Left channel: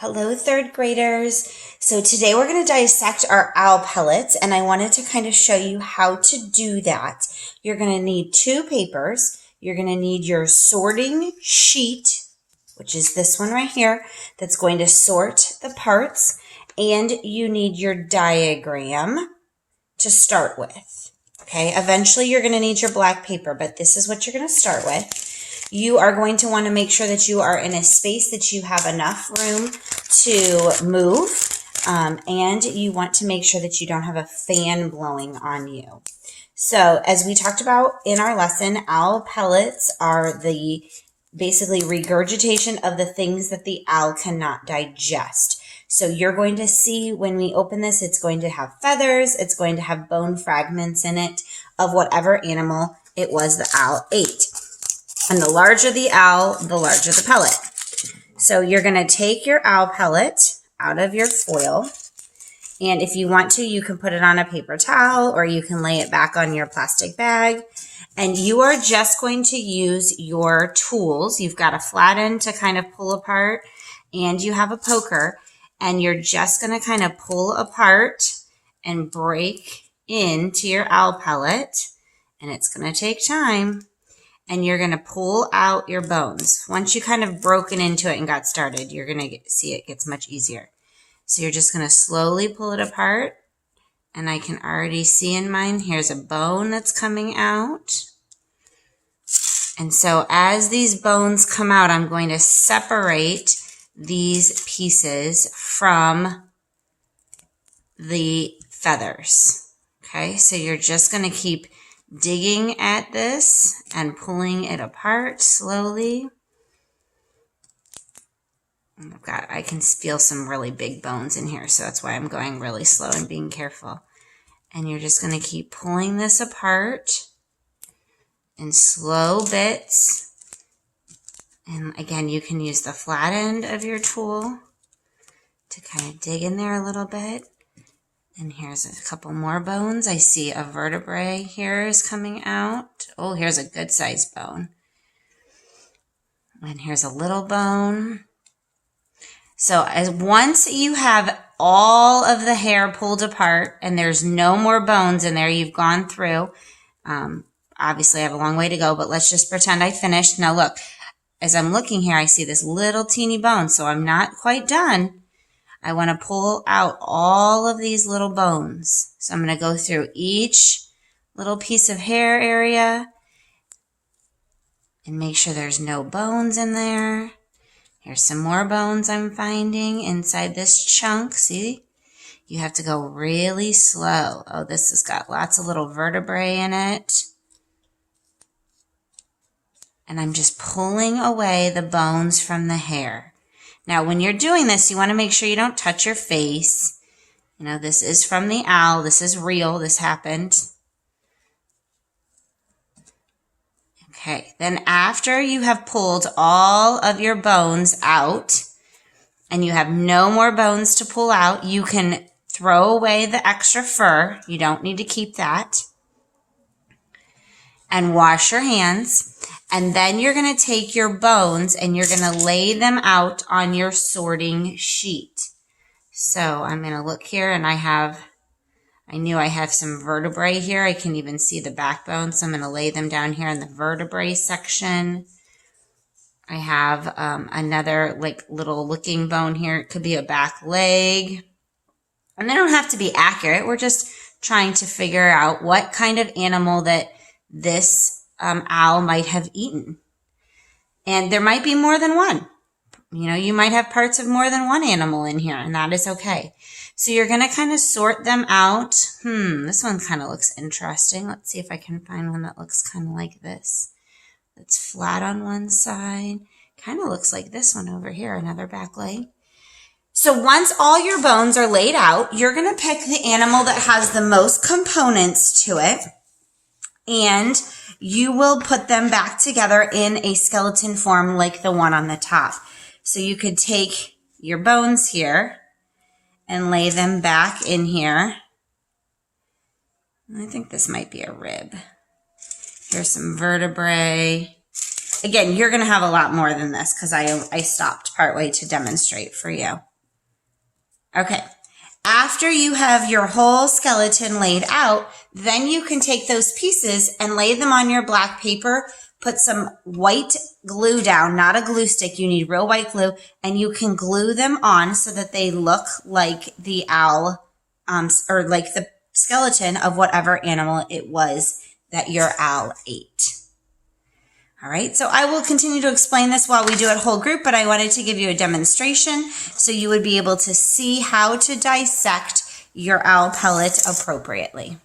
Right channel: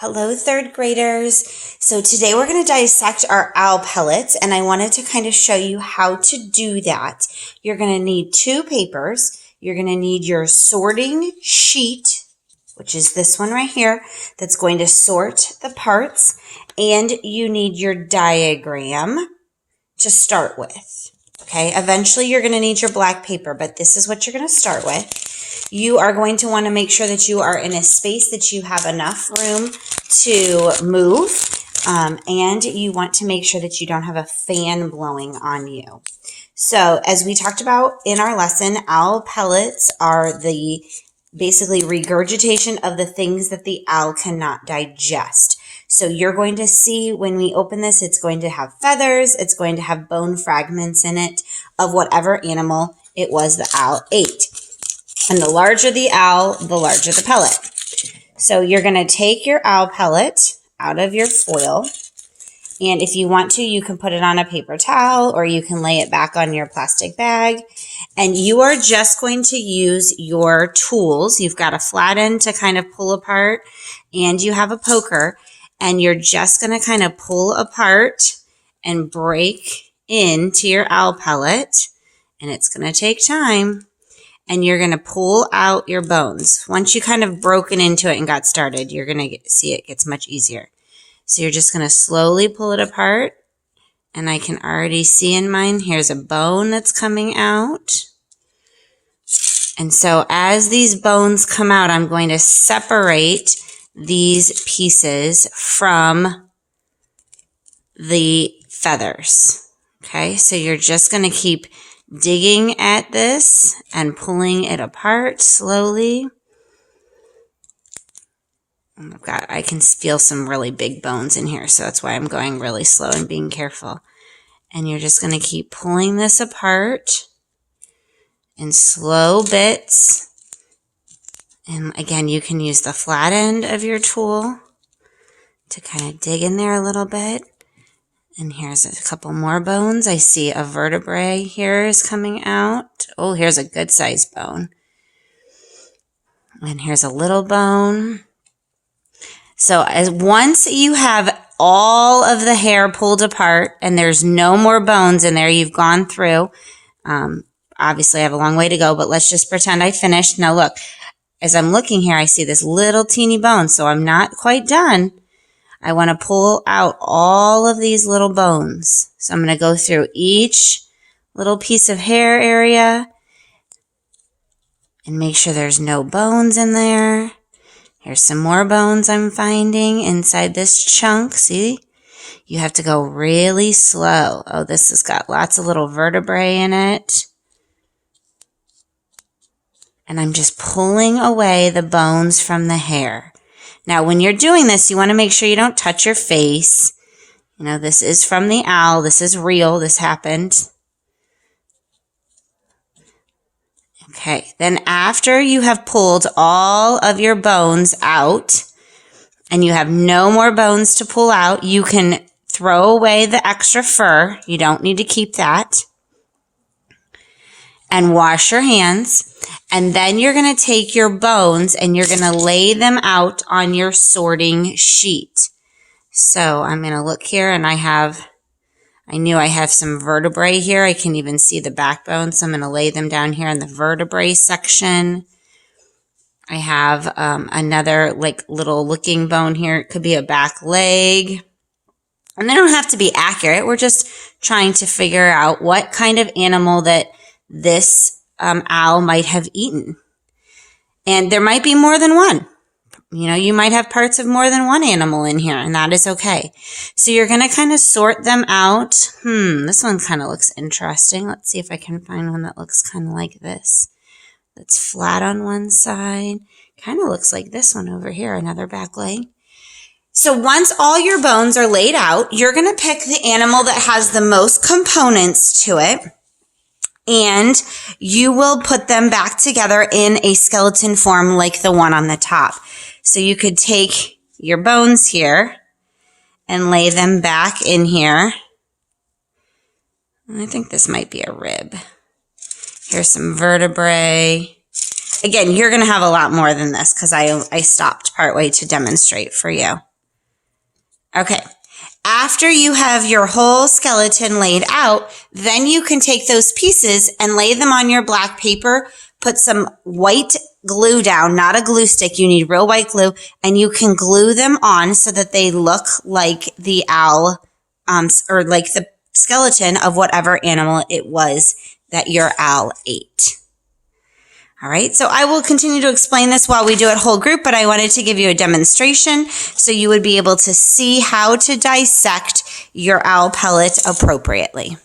Hello, third graders. So today we're going to dissect our owl pellets, and I wanted to kind of show you how to do that. You're going to need two papers. You're going to need your sorting sheet, which is this one right here, that's going to sort the parts, and you need your diagram to start with. Okay, eventually you're going to need your black paper, but this is what you're going to start with. You are going to want to make sure that you are in a space that you have enough room to move, and you want to make sure that you don't have a fan blowing on you. So as we talked about in our lesson, owl pellets are the basically regurgitation of the things that the owl cannot digest. So you're going to see when we open this, it's going to have feathers, it's going to have bone fragments in it of whatever animal it was the owl ate. And the larger the owl, the larger the pellet. So you're going to take your owl pellet out of your foil. And if you want to, you can put it on a paper towel or you can lay it back on your plastic bag. And you are just going to use your tools. You've got a flat end to kind of pull apart and you have a poker. And you're just going to kind of pull apart and break into your owl pellet. And it's going to take time. And you're going to pull out your bones. Once you kind of broken into it and got started, you're going to see it gets much easier. So you're just going to slowly pull it apart. And I can already see in mine, here's a bone that's coming out. And so as these bones come out, I'm going to separate these pieces from the feathers. Okay, so you're just going to keep digging at this and pulling it apart slowly. I can feel some really big bones in here, so that's why I'm going really slow and being careful. And you're just going to keep pulling this apart in slow bits. And again, you can use the flat end of your tool to kind of dig in there a little bit. And here's a couple more bones. I see a vertebrae here is coming out. Oh, here's a good sized bone. And here's a little bone. So once you have all of the hair pulled apart and there's no more bones in there, you've gone through. Obviously, I have a long way to go, but let's just pretend I finished. Now look, as I'm looking here, I see this little teeny bone, so I'm not quite done. I want to pull out all of these little bones. So I'm going to go through each little piece of hair area and make sure there's no bones in there. Here's some more bones I'm finding inside this chunk. See? You have to go really slow. Oh, this has got lots of little vertebrae in it. And I'm just pulling away the bones from the hair. Now, when you're doing this, you want to make sure you don't touch your face. You know, this is from the owl. This is real. This happened. Okay, then after you have pulled all of your bones out and you have no more bones to pull out, you can throw away the extra fur. You don't need to keep that. And wash your hands. And then you're going to take your bones and you're going to lay them out on your sorting sheet. So I'm going to look here and I knew I have some vertebrae here. I can even see the backbone. So I'm going to lay them down here in the vertebrae section. I have another like little looking bone here. It could be a back leg. And they don't have to be accurate. We're just trying to figure out what kind of animal that this owl might have eaten. And there might be more than one. You know, you might have parts of more than one animal in here, and that is okay. So you're going to kind of sort them out. This one kind of looks interesting. Let's see if I can find one that looks kind of like this. That's flat on one side. Kind of looks like this one over here, another back leg. So once all your bones are laid out, you're going to pick the animal that has the most components to it. And you will put them back together in a skeleton form like the one on the top. So you could take your bones here and lay them back in here. I think this might be a rib. Here's some vertebrae. Again, you're going to have a lot more than this because I stopped partway to demonstrate for you. Okay. After you have your whole skeleton laid out, then you can take those pieces and lay them on your black paper, put some white glue down, not a glue stick. You need real white glue, and you can glue them on so that they look like the owl, or like the skeleton of whatever animal it was that your owl ate. All right, so I will continue to explain this while we do it whole group, but I wanted to give you a demonstration so you would be able to see how to dissect your owl pellet appropriately.